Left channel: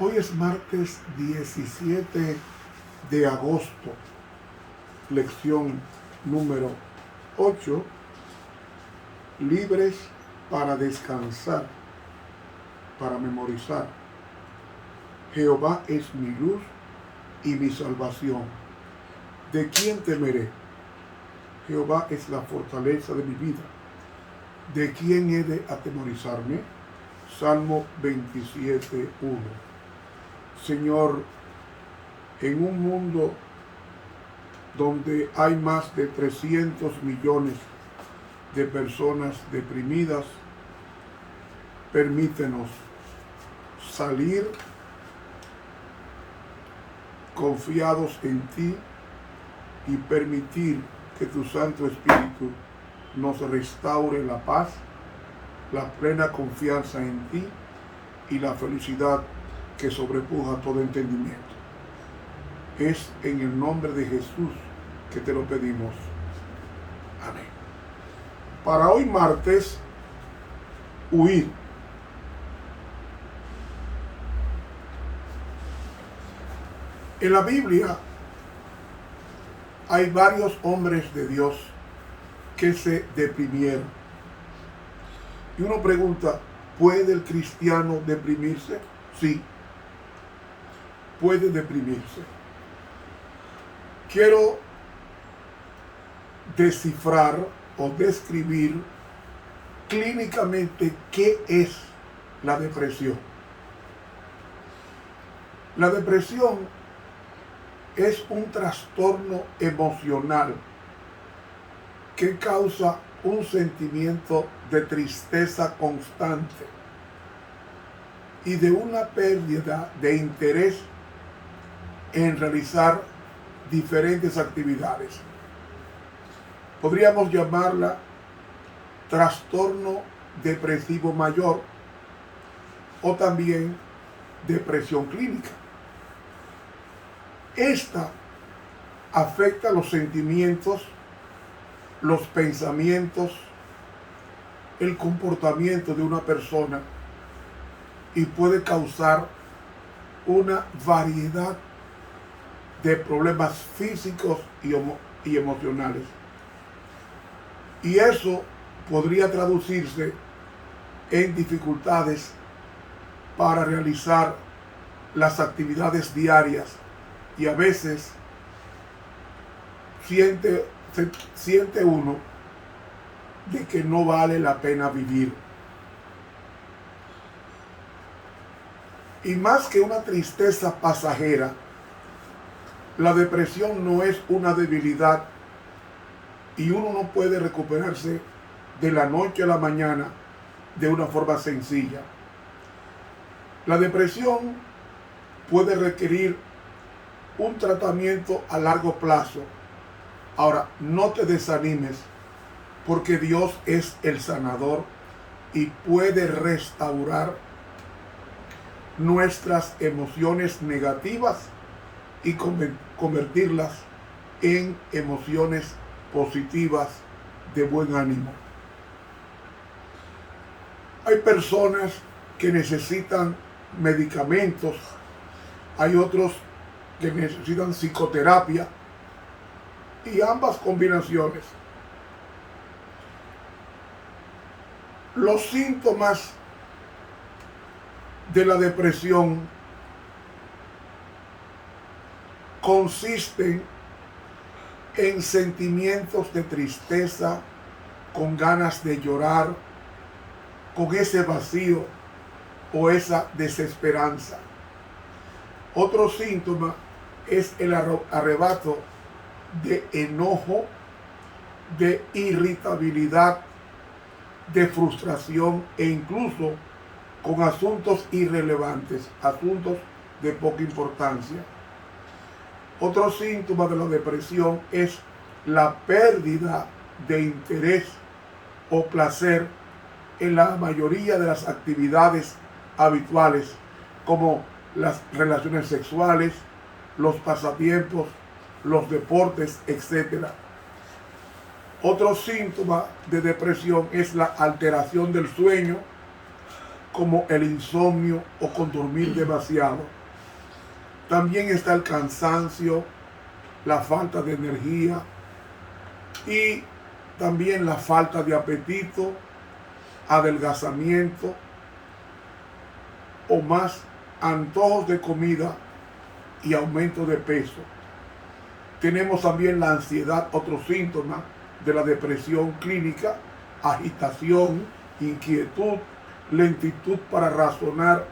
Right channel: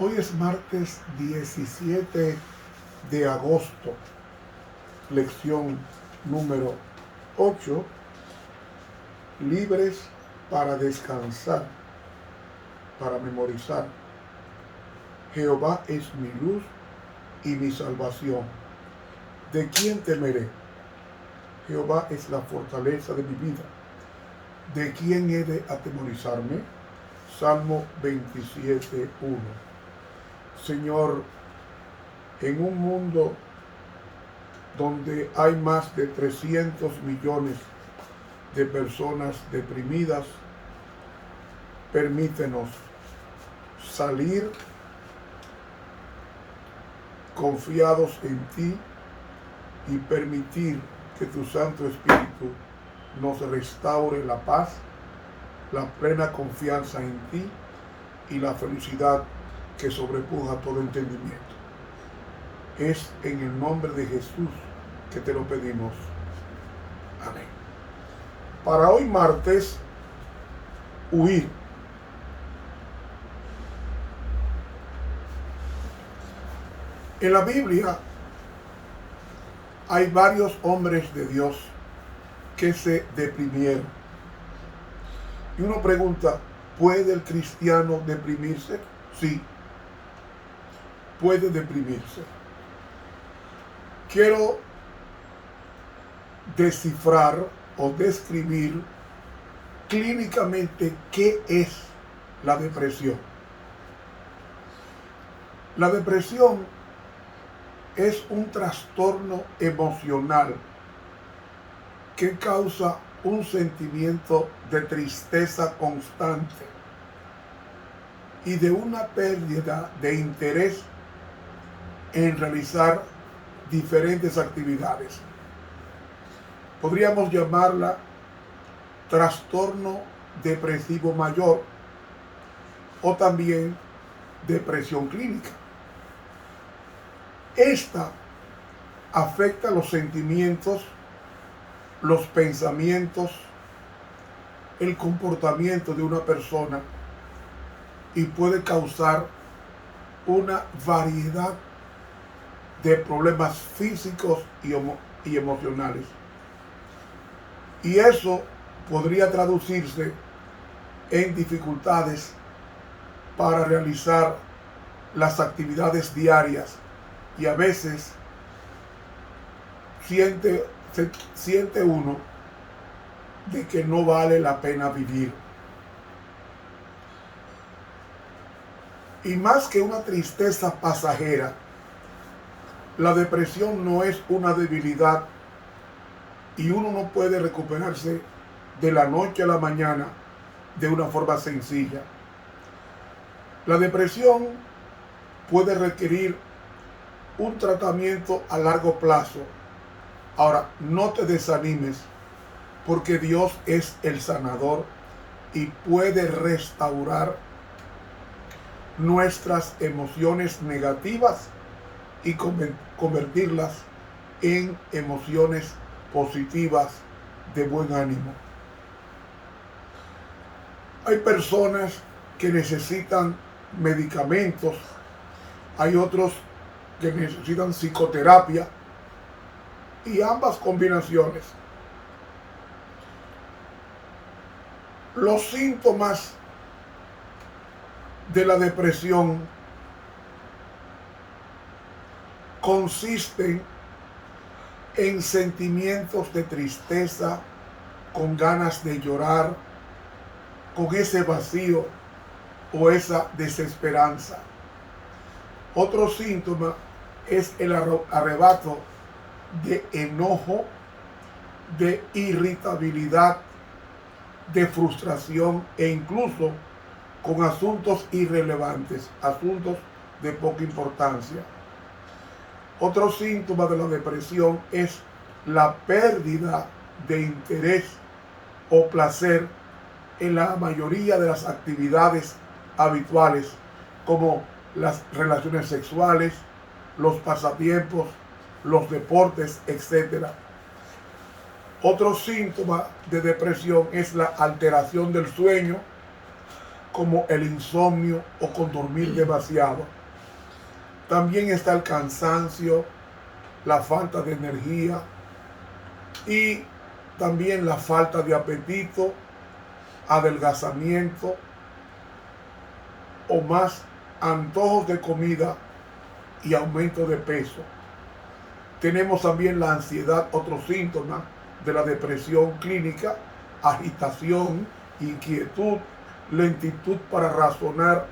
Hoy es martes 17 de agosto, lección número 8, libres para descansar, para memorizar. Jehová es mi luz y mi salvación. ¿De quién temeré? Jehová es la fortaleza de mi vida. ¿De quién he de atemorizarme? Salmo 27:1. Señor, en un mundo donde hay más de 300 millones de personas deprimidas, permítenos salir confiados en ti y permitir que tu Santo Espíritu nos restaure la paz, la plena confianza en ti y la felicidad que sobrepuja todo entendimiento. Es en el nombre de Jesús que te lo pedimos. Amén. Para hoy martes, huir. En la Biblia hay varios hombres de Dios que se deprimieron. Y uno pregunta, ¿puede el cristiano deprimirse? Sí, puede deprimirse. Quiero descifrar o describir clínicamente qué es la depresión. La depresión es un trastorno emocional que causa un sentimiento de tristeza constante y de una pérdida de interés en realizar diferentes actividades. Podríamos llamarla trastorno depresivo mayor o también depresión clínica. Esta afecta los sentimientos, los pensamientos, el comportamiento de una persona y puede causar una variedad de problemas físicos y emocionales. Y eso podría traducirse en dificultades para realizar las actividades diarias y a veces siente uno de que no vale la pena vivir. Y más que una tristeza pasajera, la depresión no es una debilidad y uno no puede recuperarse de la noche a la mañana de una forma sencilla. La depresión puede requerir un tratamiento a largo plazo. Ahora, no te desanimes porque Dios es el sanador y puede restaurar nuestras emociones negativas y convertirlas en emociones positivas de buen ánimo. Hay personas que necesitan medicamentos, hay otros que necesitan psicoterapia y ambas combinaciones. Los síntomas de la depresión consisten en sentimientos de tristeza, con ganas de llorar, con ese vacío o esa desesperanza. Otro síntoma es el arrebato de enojo, de irritabilidad, de frustración e incluso con asuntos irrelevantes, asuntos de poca importancia. Otro síntoma de la depresión es la pérdida de interés o placer en la mayoría de las actividades habituales, como las relaciones sexuales, los pasatiempos, los deportes, etc. Otro síntoma de depresión es la alteración del sueño, como el insomnio o con dormir demasiado. También está el cansancio, la falta de energía y también la falta de apetito, adelgazamiento o más antojos de comida y aumento de peso. Tenemos también la ansiedad, otro síntoma de la depresión clínica, agitación, inquietud, lentitud para razonar,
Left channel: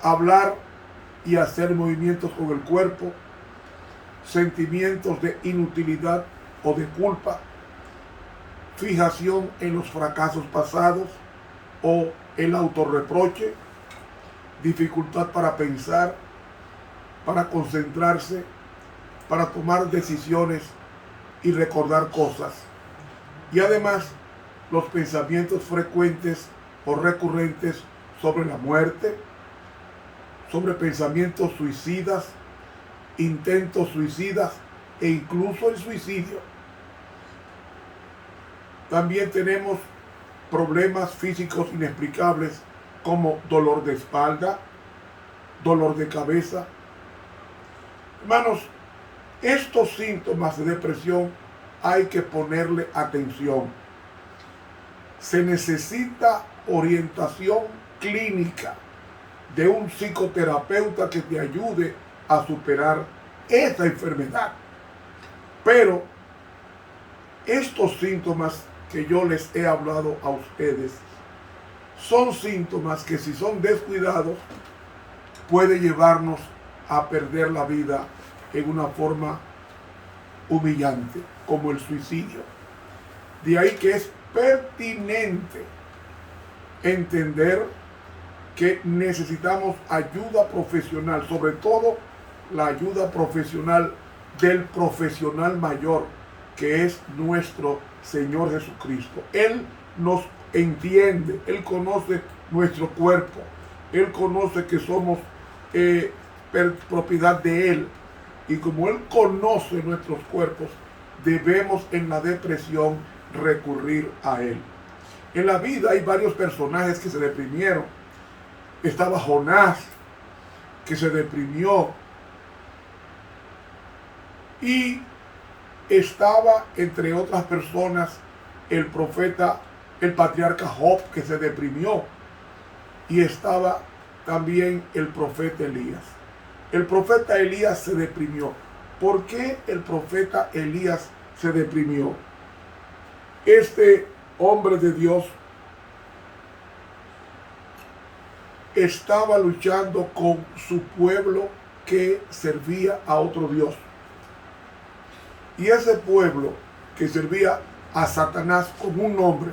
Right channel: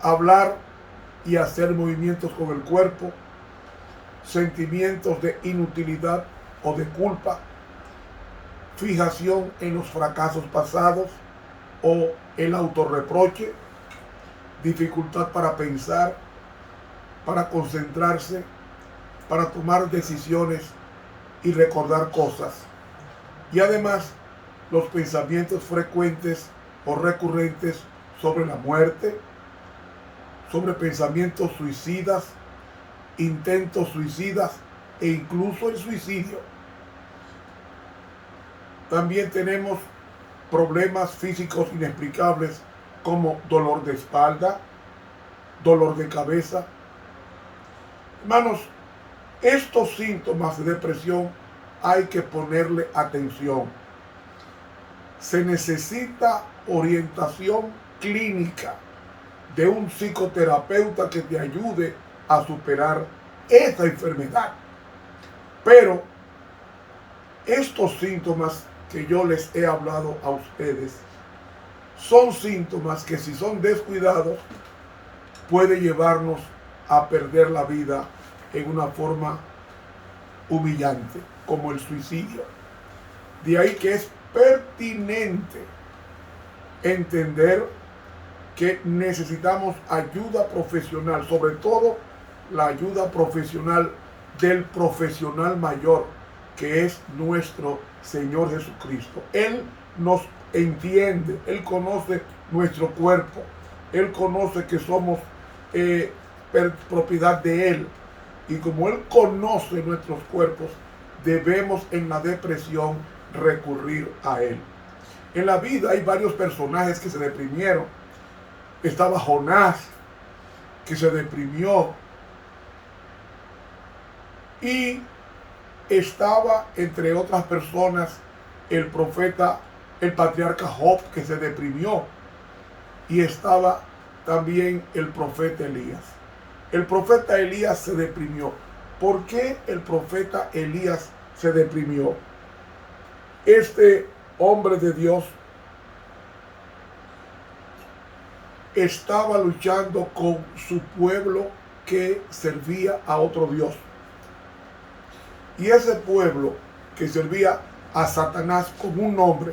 hablar y hacer movimientos con el cuerpo, sentimientos de inutilidad o de culpa, fijación en los fracasos pasados o el autorreproche, dificultad para pensar, para concentrarse, para tomar decisiones y recordar cosas. Y además, los pensamientos frecuentes o recurrentes sobre la muerte, sobre pensamientos suicidas, intentos suicidas e incluso el suicidio. También tenemos problemas físicos inexplicables como dolor de espalda, dolor de cabeza. Hermanos, estos síntomas de depresión hay que ponerle atención. Se necesita orientación clínica de un psicoterapeuta que te ayude a superar esta enfermedad. Pero estos síntomas que yo les he hablado a ustedes son síntomas que, si son descuidados, puede llevarnos a perder la vida en una forma humillante, como el suicidio. De ahí que es pertinente entender que necesitamos ayuda profesional, sobre todo la ayuda profesional del profesional mayor, que es nuestro Señor Jesucristo. Él nos entiende, Él conoce nuestro cuerpo, Él conoce que somos propiedad de Él. Y como Él conoce nuestros cuerpos, debemos en la depresión recurrir a Él. En la vida hay varios personajes que se deprimieron. Estaba Jonás, que se deprimió. Y estaba, entre otras personas, el profeta, el patriarca Job, que se deprimió. Y estaba también el profeta Elías. El profeta Elías se deprimió. ¿Por qué el profeta Elías se deprimió? Este hombre de Dios estaba luchando con su pueblo que servía a otro Dios. Y ese pueblo que servía a Satanás con un nombre,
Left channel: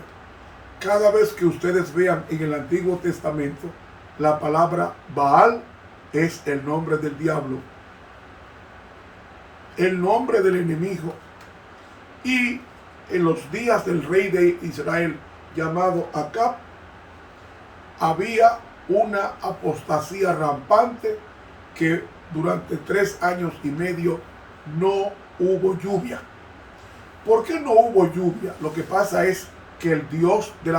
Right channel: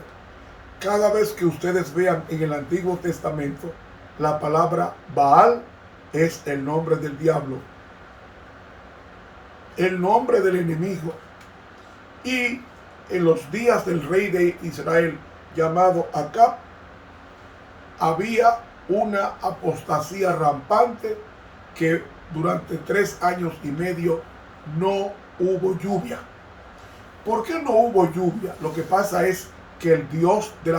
cada vez que ustedes vean en el Antiguo Testamento la palabra Baal, es el nombre del diablo, el nombre del enemigo. Y en los días del rey de Israel llamado Acab, había una apostasía rampante, que durante 3 años y medio no hubo lluvia. ¿Por qué no hubo lluvia? Lo que pasa es que el Dios de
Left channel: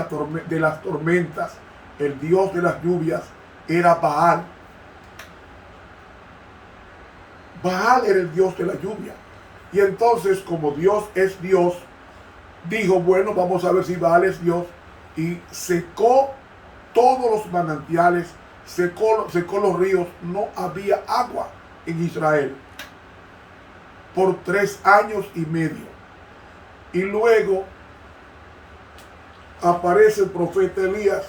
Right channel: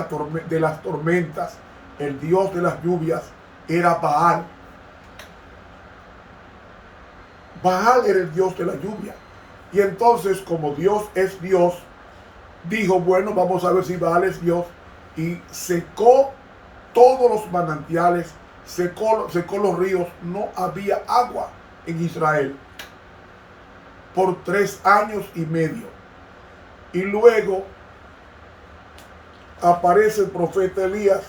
las tormentas, el Dios de las lluvias, era Baal. Baal era el Dios de la lluvia. Y entonces, como Dios es Dios, dijo, bueno, vamos a ver si Baal es Dios. Y secó todos los manantiales, secó los ríos. No había agua en Israel por 3 años y medio. Y luego aparece el profeta Elías,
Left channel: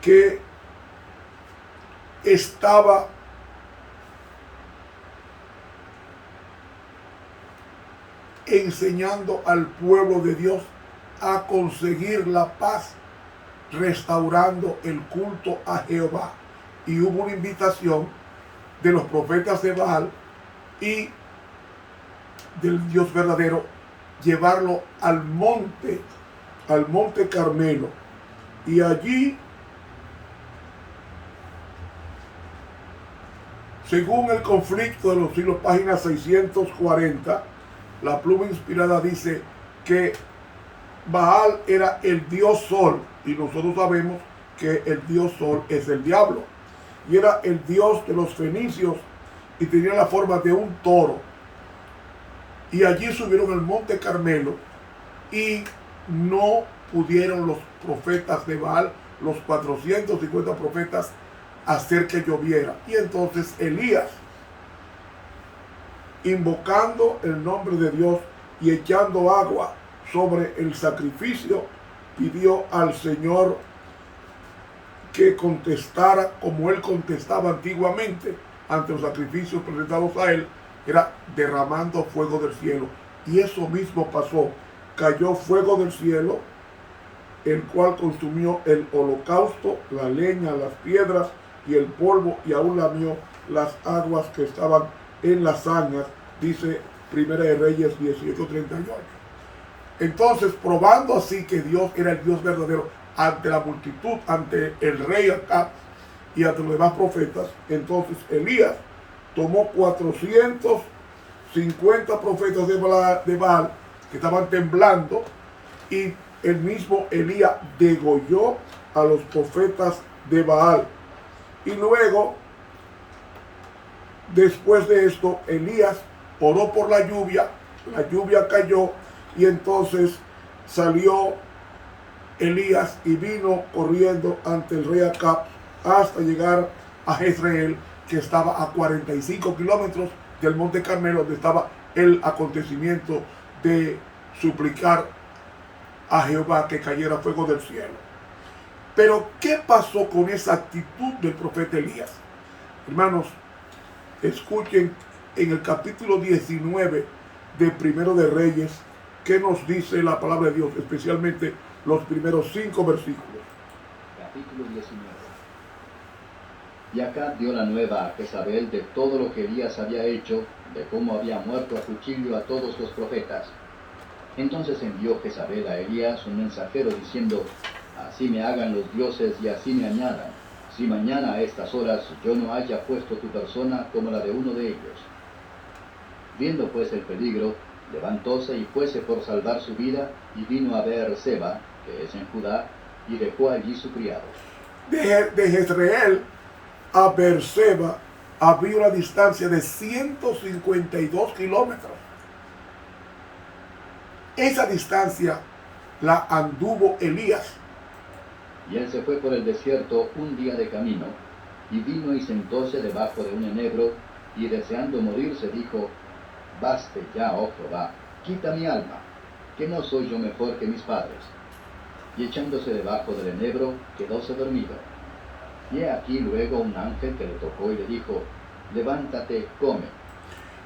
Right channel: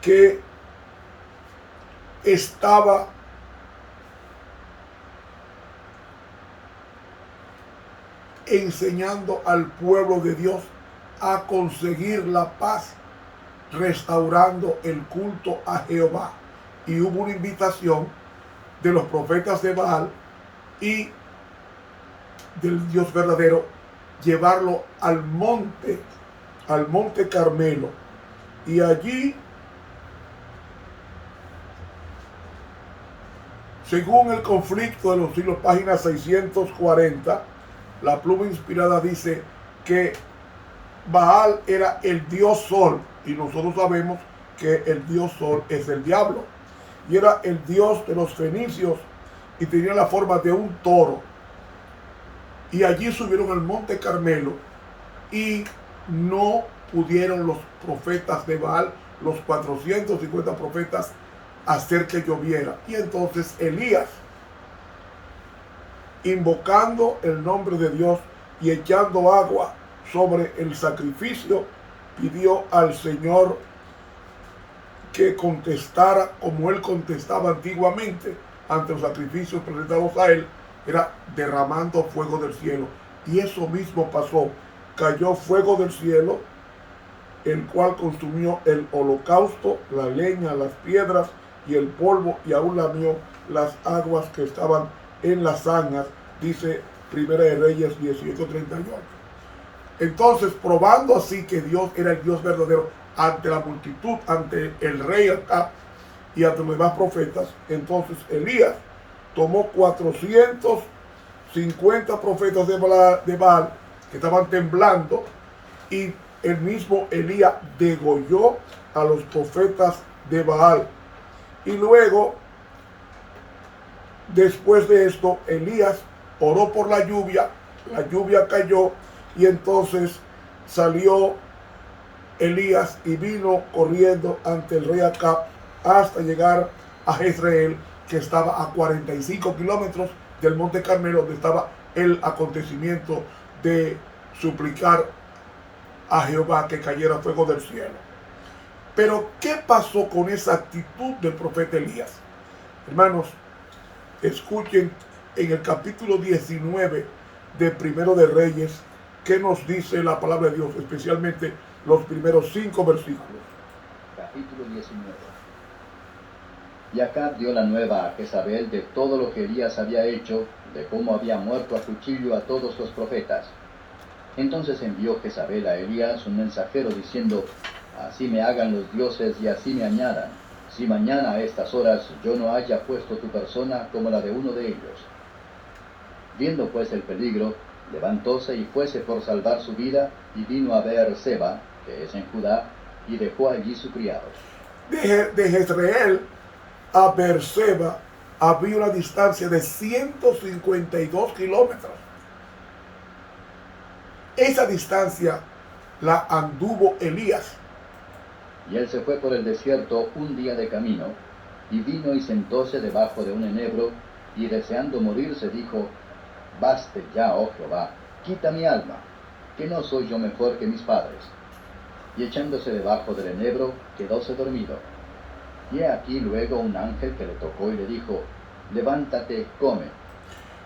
que estaba enseñando al pueblo de Dios a conseguir la paz, restaurando el culto a Jehová. Y hubo una invitación de los profetas de Baal y del Dios verdadero, llevarlo al monte Carmelo. Y allí, según el conflicto de los siglos, página 640, la pluma inspirada dice que Baal era el dios sol, y nosotros sabemos que el dios sol es el diablo, y era el dios de los fenicios, y tenía la forma de un toro. Y allí subieron al monte Carmelo, y no pudieron los profetas de Baal, los 450 profetas, hacer que lloviera. Y entonces Elías, invocando el nombre de Dios y echando agua sobre el sacrificio, pidió al Señor que contestara como él contestaba antiguamente ante los sacrificios presentados a él, era derramando fuego del cielo. Y eso mismo pasó. Cayó fuego del cielo, el cual consumió el holocausto, la leña, las piedras y el polvo, y aún lamió las aguas que estaban en las zanjas, dice Primera de Reyes 18:38. Entonces, probando así que Dios era el Dios verdadero ante la multitud, ante el rey Acab y ante los demás profetas, entonces Elías tomó 450 profetas de Baal que estaban temblando, y el mismo Elías degolló a los profetas de Baal. Y luego, después de esto, Elías oró por la lluvia cayó, y entonces salió Elías y vino corriendo ante el rey Acab hasta llegar a Jezreel, que estaba a 45 kilómetros del monte Carmelo, donde estaba el acontecimiento de suplicar a Jehová que cayera fuego del cielo. Pero ¿qué pasó con esa actitud del profeta Elías? Hermanos, escuchen en el capítulo 19 de Primero de Reyes qué nos dice la palabra de Dios, especialmente los primeros 5 versículos. Capítulo 19. Y Acab dio la nueva a Jezabel de todo lo que Elías había hecho, de cómo había muerto a cuchillo a todos los profetas. Entonces envió Jezabel a Elías un mensajero diciendo: así me hagan los dioses y así me añadan, si mañana a estas horas yo no haya puesto tu persona como la de uno de ellos. Viendo pues el peligro, levantóse y fuese por salvar su vida, y vino a Beerseba, que es en Judá, y dejó allí su criado. De Jezreel a Beerseba había una distancia de 152 kilómetros. Esa distancia la anduvo Elías. Y él se fue por el desierto un día de camino, y vino y sentóse debajo de un enebro, y deseando morirse dijo: baste ya, oh Jehová, quita mi alma, que no soy yo mejor que mis padres. Y echándose debajo del enebro, quedóse dormido. Y he aquí luego un ángel que le tocó y le dijo: levántate, come.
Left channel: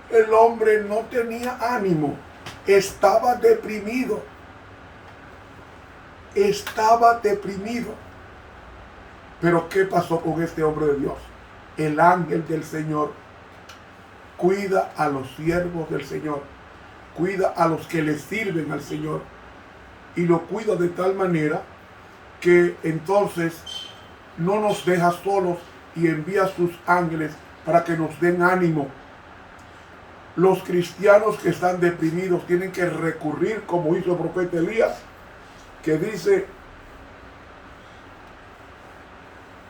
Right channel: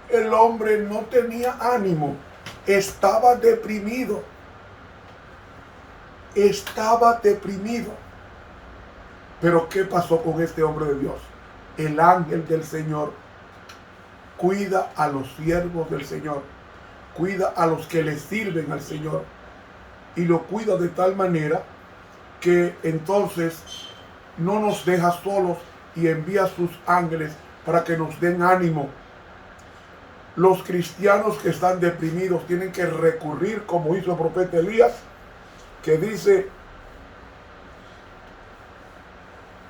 El hombre no tenía ánimo, estaba deprimido. Pero ¿qué pasó con este hombre de Dios? El ángel del Señor cuida a los siervos del Señor, cuida a los que le sirven al Señor, y lo cuida de tal manera que entonces no nos deja solos y envía a sus ángeles para que nos den ánimo. Los cristianos que están deprimidos tienen que recurrir, como hizo el profeta Elías, que dice:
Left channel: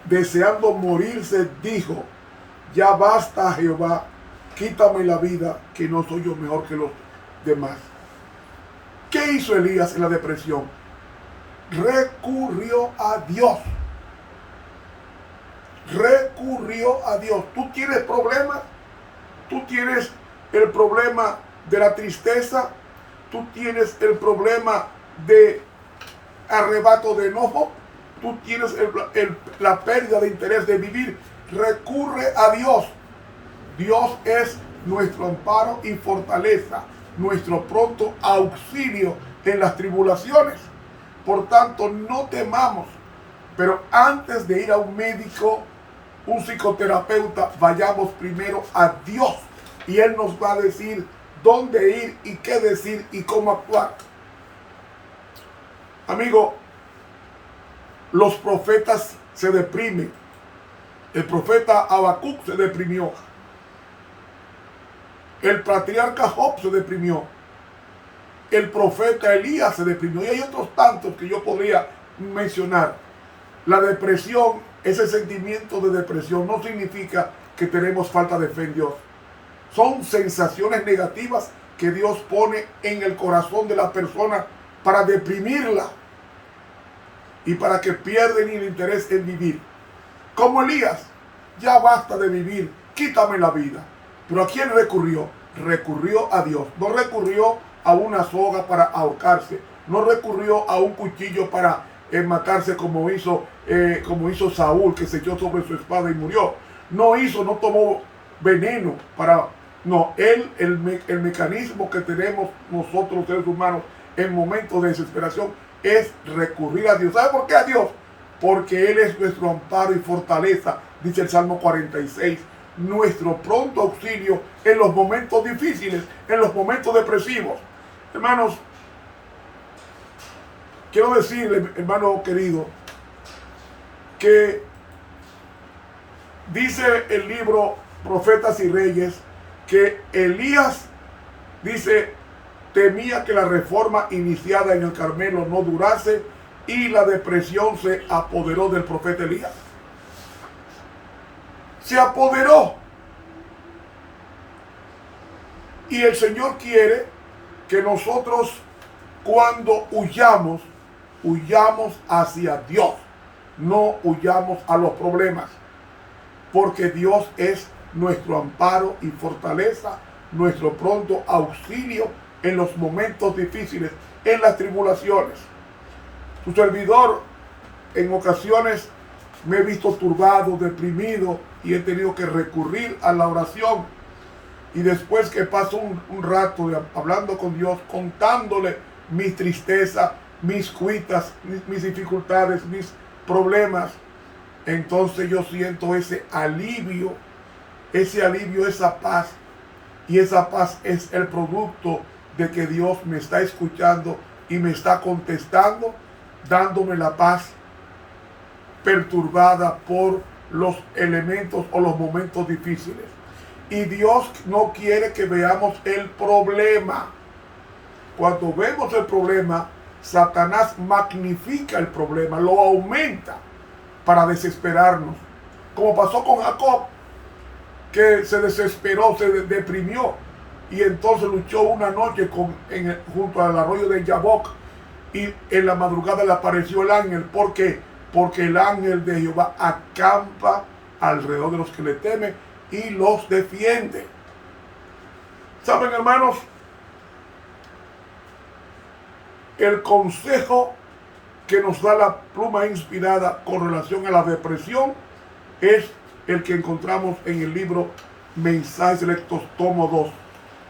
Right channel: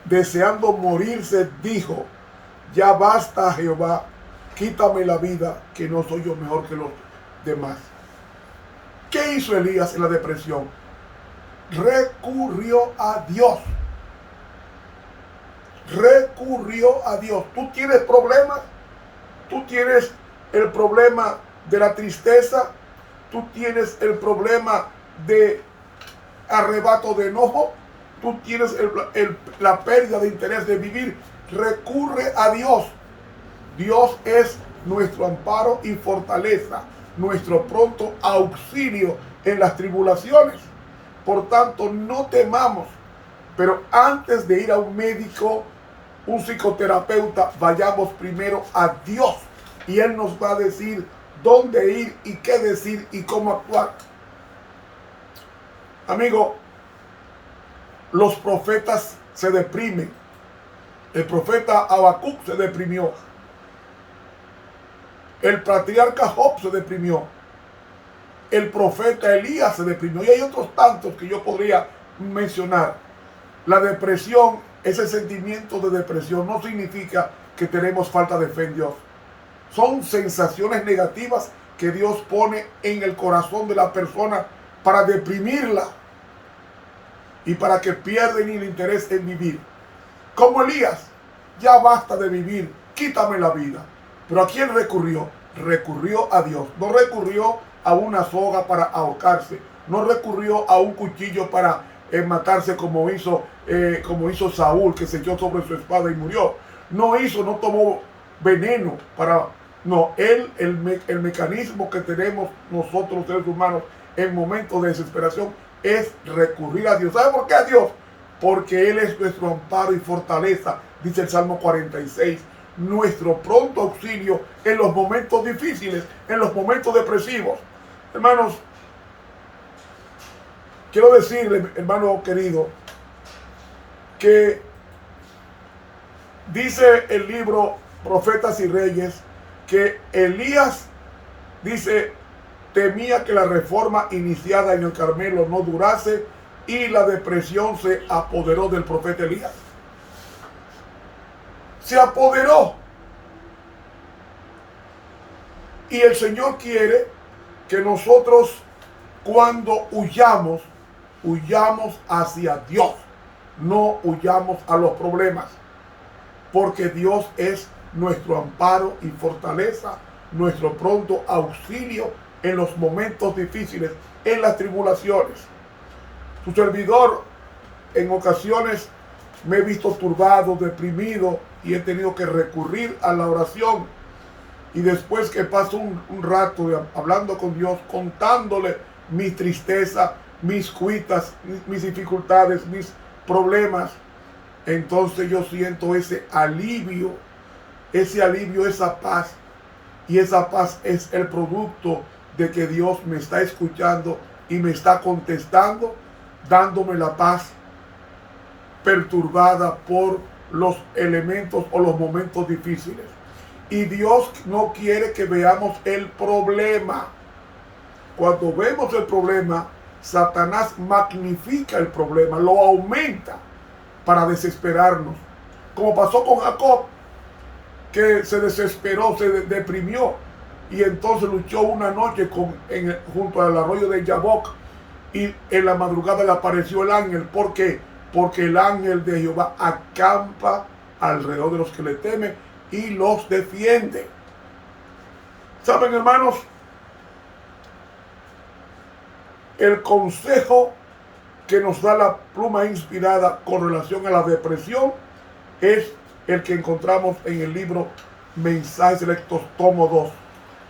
deseando morirse, dijo: ya basta, Jehová, quítame la vida, que no soy yo mejor que los demás. ¿Qué hizo Elías en la depresión? Recurrió a Dios. ¿Tú tienes problemas? ¿Tú tienes el problema de la tristeza? ¿Tú tienes el problema de arrebato de enojo? ¿Tú tienes la pérdida de interés de vivir? Recurre a Dios. Dios es nuestro amparo y fortaleza, nuestro pronto auxilio en las tribulaciones. Por tanto, no temamos. Pero antes de ir a un médico, un psicoterapeuta, vayamos primero a Dios, y Él nos va a decir dónde ir y qué decir y cómo actuar. Amigo, los profetas se deprimen. El profeta Habacuc se deprimió. El patriarca Job se deprimió. el profeta Elías se deprimió. Y hay otros tantos que yo podría mencionar. La depresión, ese sentimiento de depresión, no significa que tenemos falta de fe en Dios. Son sensaciones negativas que Dios pone en el corazón de la persona para deprimirla y para que pierden el interés en vivir. Como Elías, ya basta de vivir, quítame la vida. Pero ¿a quién recurrió? Recurrió a Dios. No recurrió a una soga para ahorcarse. No recurrió a un cuchillo para matarse como hizo Saúl, que se echó sobre su espada y murió. No tomó veneno para... No, el mecanismo que tenemos nosotros seres humanos en momentos de desesperación es recurrir a Dios. ¿Sabe por qué a Dios? Porque Él es nuestro amparo y fortaleza, dice el Salmo 46. Nuestro pronto auxilio en los momentos difíciles, en los momentos depresivos. Hermanos, quiero decirle, hermano querido, que dice el libro Profetas y Reyes que Elías, dice, temía que la reforma iniciada en el Carmelo no durase y la depresión se apoderó del profeta Elías. Se apoderó. Y el Señor quiere que nosotros, cuando huyamos hacia Dios, no huyamos a los problemas, porque Dios es nuestro amparo y fortaleza, nuestro pronto auxilio en los momentos difíciles, en las tribulaciones. Su servidor en ocasiones me he visto turbado, deprimido, y he tenido que recurrir a la oración. Y después que paso un rato hablando con Dios, contándole mi tristeza, mis cuitas, mis dificultades, mis problemas, entonces yo siento ese alivio, esa paz. Y esa paz es el producto de que Dios me está escuchando y me está contestando, dándome la paz perturbada por los elementos o los momentos difíciles. Y Dios no quiere que veamos el problema. Cuando vemos el problema, Satanás magnifica el problema, lo aumenta para desesperarnos. Como pasó con Jacob, que se desesperó, se deprimió, y entonces luchó una noche junto al arroyo de Jaboc, y en la madrugada le apareció el ángel. ¿Por qué? Porque el ángel de Jehová acampa alrededor de los que le temen y los defiende. ¿Saben, hermanos? El consejo que nos da la pluma inspirada con relación a la depresión es el que encontramos en el libro Mensajes Selectos, tomo 2,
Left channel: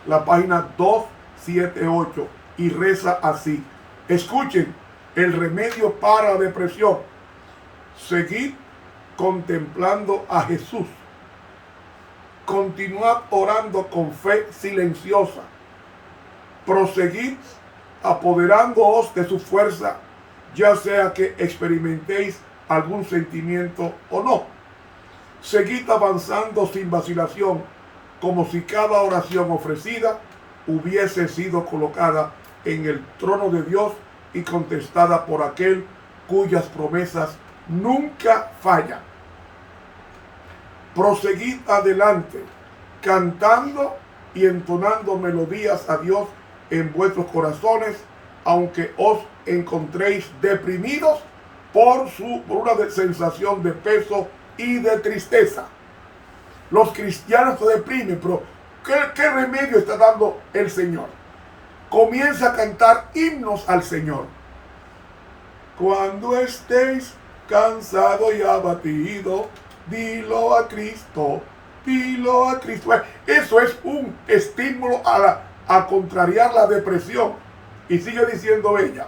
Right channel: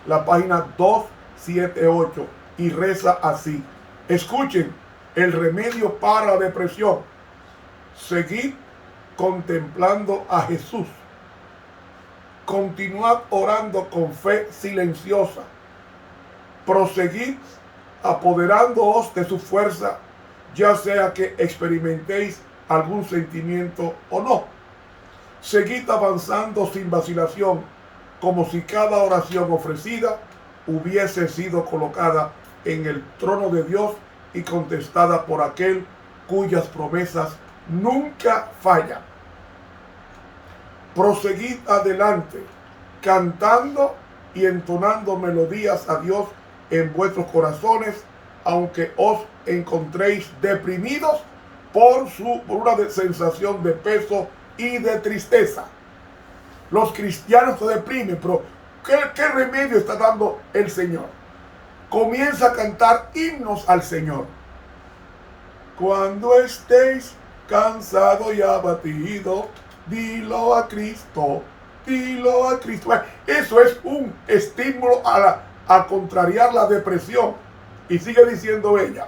la página 278, y reza así. Escuchen, el remedio para la depresión: seguid contemplando a Jesús. Continuad orando con fe silenciosa. Proseguid apoderándoos de su fuerza, ya sea que experimentéis algún sentimiento o no. Seguid avanzando sin vacilación, como si cada oración ofrecida hubiese sido colocada en el trono de Dios y contestada por aquel cuyas promesas nunca fallan. Proseguid adelante, cantando y entonando melodías a Dios en vuestros corazones, aunque os encontréis deprimidos por una sensación de peso y de tristeza. Los cristianos se deprimen, pero ¿qué remedio está dando el Señor? Comienza a cantar himnos al Señor. Cuando estéis cansado y abatido, dilo a Cristo, dilo a Cristo. Eso es un estímulo a contrariar la depresión. Y sigue diciendo ella:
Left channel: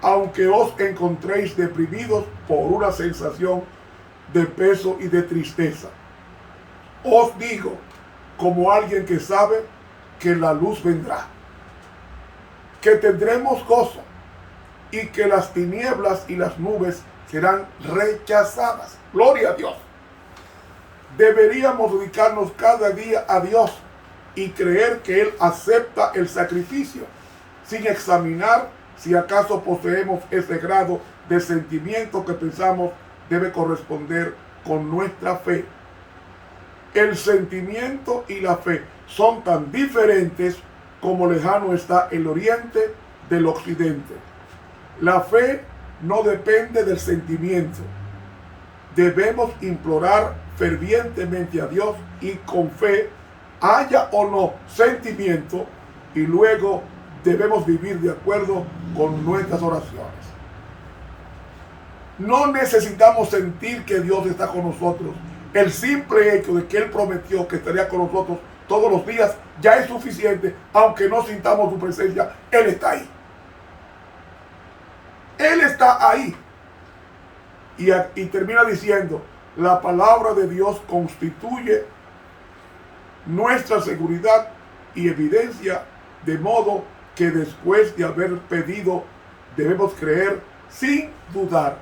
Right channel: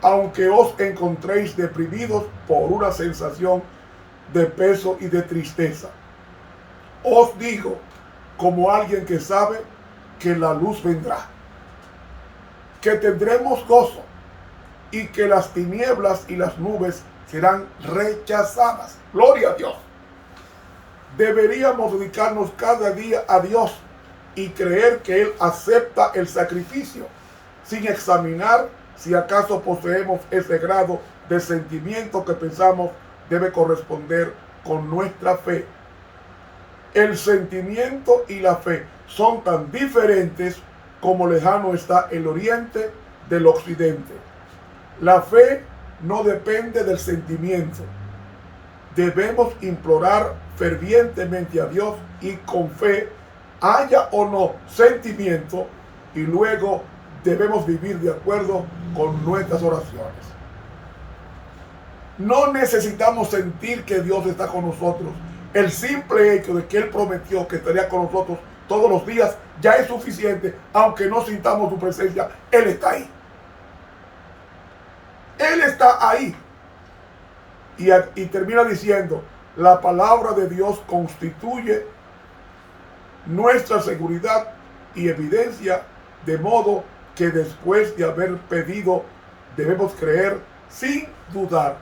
aunque os encontréis deprimidos por una sensación de peso y de tristeza, os digo, como alguien que sabe, que la luz vendrá, que tendremos gozo y que las tinieblas y las nubes serán rechazadas. Gloria a Dios. Deberíamos dedicarnos cada día a Dios, y creer que Él acepta el sacrificio, sin examinar si acaso poseemos ese grado de sentimiento que pensamos debe corresponder con nuestra fe. El sentimiento y la fe son tan diferentes como lejano está el oriente del occidente. La fe no depende del sentimiento. Debemos implorar fervientemente a Dios y con fe, haya o no sentimiento, y luego debemos vivir de acuerdo con nuestras oraciones. No necesitamos sentir que Dios está con nosotros. El simple hecho de que Él prometió que estaría con nosotros todos los días ya es suficiente, aunque no sintamos su presencia. Él está ahí. Él está ahí. Y termina diciendo, la palabra de Dios constituye nuestra seguridad y evidencia, de modo que después de haber pedido debemos creer sin dudar.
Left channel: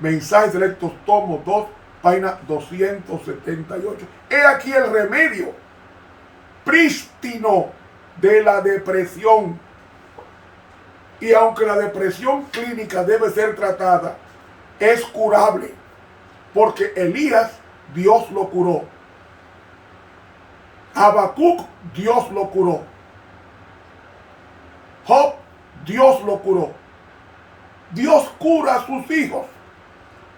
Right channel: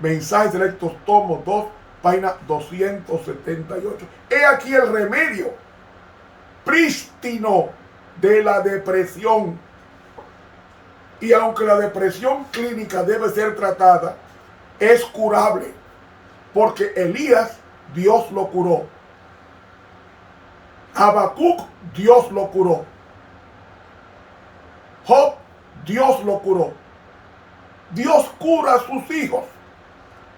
Mensajes Selectos, tomo 2, página 278. He aquí el remedio prístino de la depresión. Y aunque la depresión clínica debe ser tratada, es curable, porque Elías, Dios lo curó. Habacuc, Dios lo curó. Job, Dios lo curó. Dios cura a sus hijos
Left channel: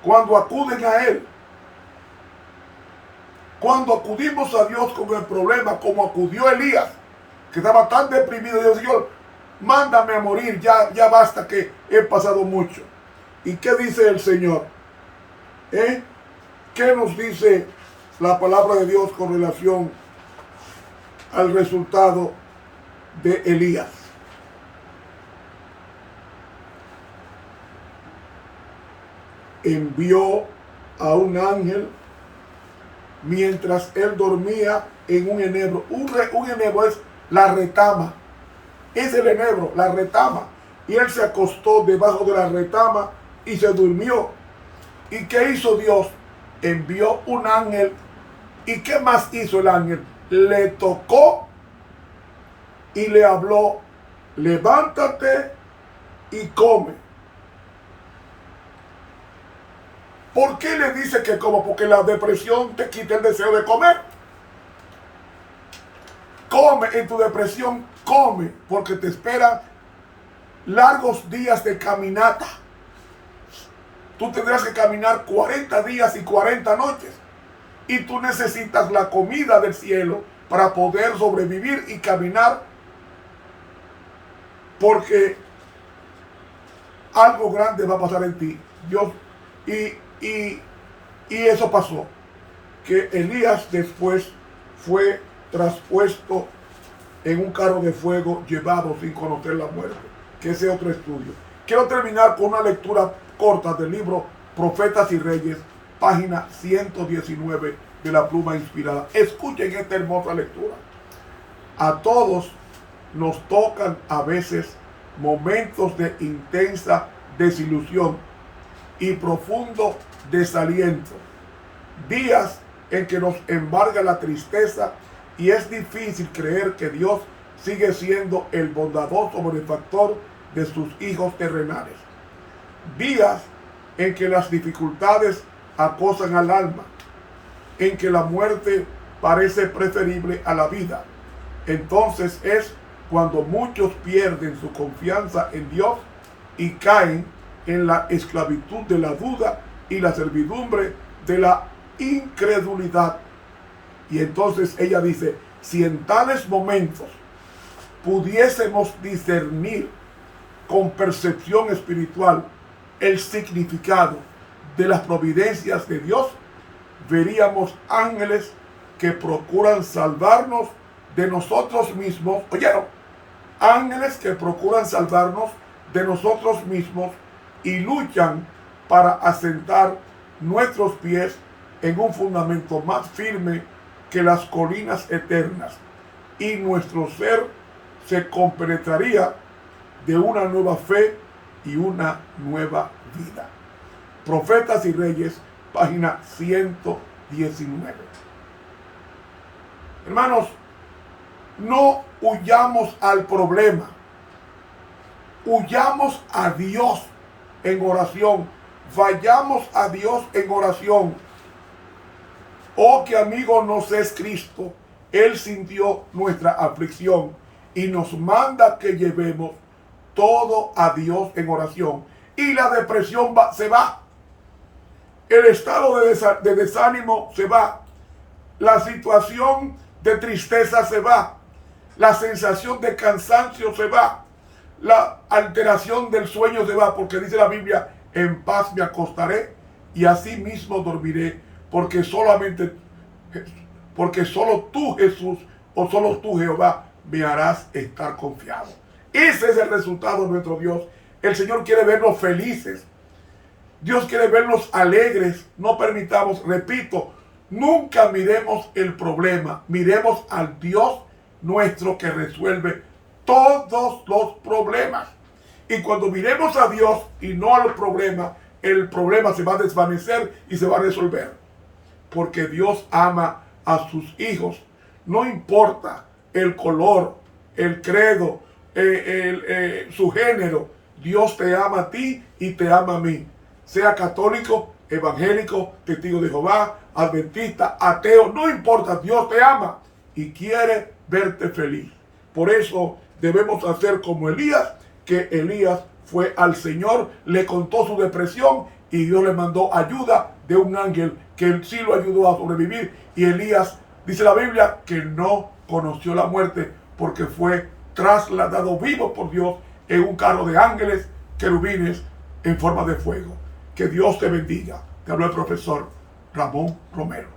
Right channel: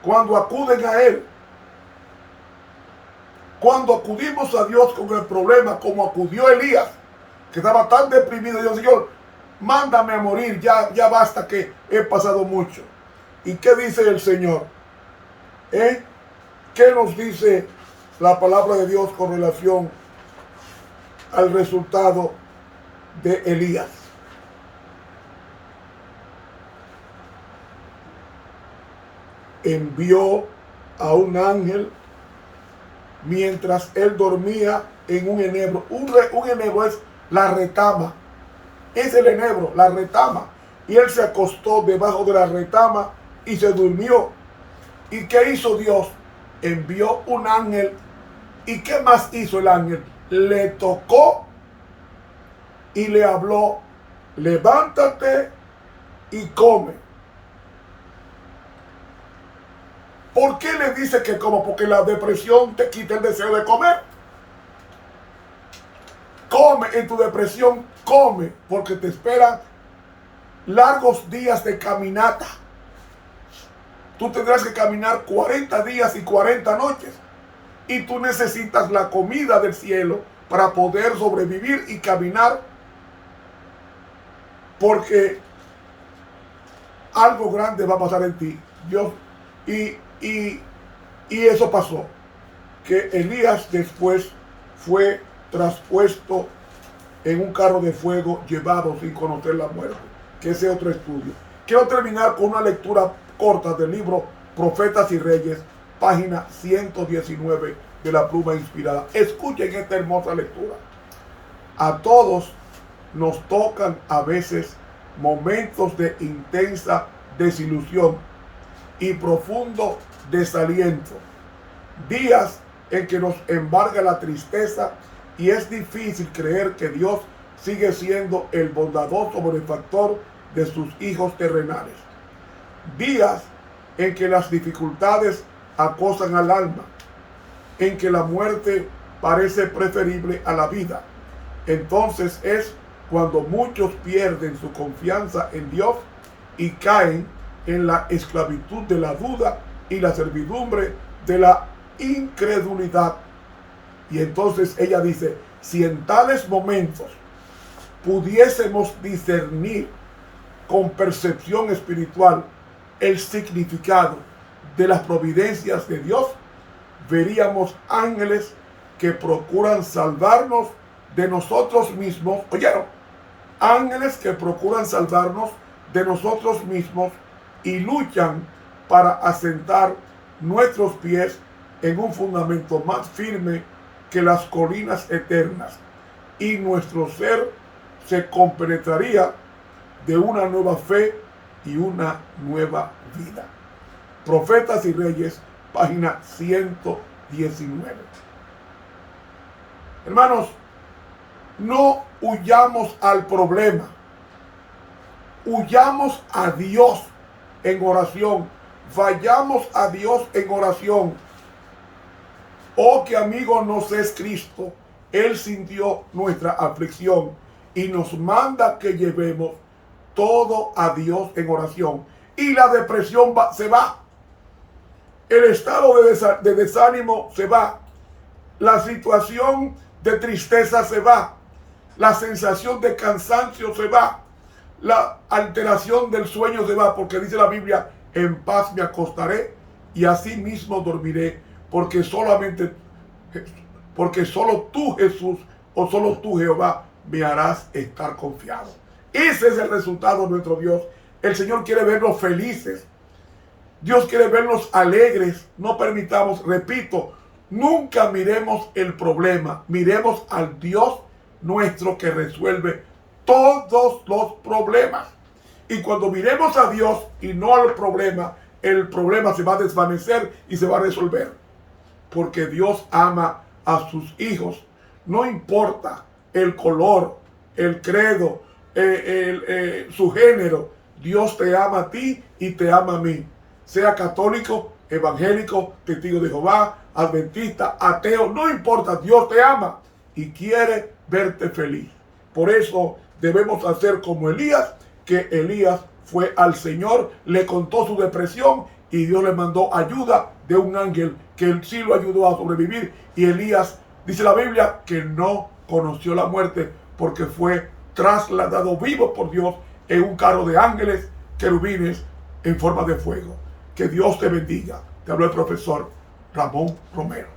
cuando acuden a Él. Cuando acudimos a Dios con el problema, como acudió Elías, que estaba tan deprimido, Dios, Señor, mándame a morir, ya basta, que he pasado mucho. ¿Y qué dice el Señor? ¿Qué nos dice la palabra de Dios con relación al resultado de Elías? Envió a un ángel mientras él dormía en un enebro. Un enebro es la retama. Es el enebro, la retama. Y él se acostó debajo de la retama y se durmió. ¿Y qué hizo Dios? Envió un ángel. ¿Y qué más hizo el ángel? Le tocó y le habló: levántate y come. ¿Por qué le dice que coma? Porque la depresión te quita el deseo de comer. Come en tu depresión, come, porque te esperan largos días de caminata. Tú tendrás que caminar 40 días y 40 noches. Y tú necesitas la comida del cielo para poder sobrevivir y caminar, porque algo grande va a pasar en ti. Dios, y eso pasó, que Elías después fue traspuesto en un carro de fuego, llevado sin conocer la muerte, que ese es otro estudio. Quiero terminar con una lectura corta del libro Profetas y Reyes, página 119 de la Pluma Inspirada. Escuchen esta hermosa lectura. A todos nos tocan a veces momentos de intensa desilusión y profundo desaliento, días en que nos embarga la tristeza y es difícil creer que Dios sigue siendo el bondadoso benefactor de sus hijos terrenales, días en que las dificultades acosan al alma, en que la muerte parece preferible a la vida. Entonces es cuando muchos pierden su confianza en Dios y caen en la esclavitud de la duda y la servidumbre de la incredulidad. Y entonces ella dice: si en tales momentos pudiésemos discernir con percepción espiritual el significado de las providencias de Dios, veríamos ángeles que procuran salvarnos de nosotros mismos. ¿Oyeron? Ángeles que procuran salvarnos de nosotros mismos y luchan para asentar nuestros pies en un fundamento más firme que las colinas eternas, y nuestro ser se compenetraría de una nueva fe y una nueva vida. Profetas y Reyes, página 119. Hermanos, No huyamos al problema. Huyamos a Dios en oración. Vayamos a Dios en oración. Oh, que amigo nos es Cristo. Él sintió nuestra aflicción y nos manda que llevemos todo a Dios en oración. Y la depresión se va. El estado de desánimo se va. La situación de tristeza se va. La sensación de cansancio se va. La alteración del sueño se va. Porque dice la Biblia, en paz me acostaré y así mismo dormiré. Porque solo tú, Jesús, o solo tú, Jehová, me harás estar confiado. Ese es el resultado de nuestro Dios. El Señor quiere vernos felices. Dios quiere vernos alegres. No permitamos, repito, nunca miremos el problema. Miremos al Dios nuestro que resuelve todos los problemas. Y cuando miremos a Dios y no al problema, el problema se va a desvanecer y se va a resolver. Porque Dios ama a sus hijos. No importa el color, el credo, su género. Dios te ama a ti y te ama a mí. Sea católico, evangélico, testigo de Jehová, adventista, ateo, no importa. Dios te ama y quiere verte feliz. Por eso debemos hacer como Elías, que Elías fue al Señor, le contó su depresión y Dios le mandó ayuda de un ángel que él sí lo ayudó a sobrevivir. Y Elías, dice la Biblia, que no conoció la muerte porque fue trasladado vivo por Dios en un carro de ángeles, querubines en forma de fuego. Que Dios te bendiga. Te habló el profesor Ramón Romero.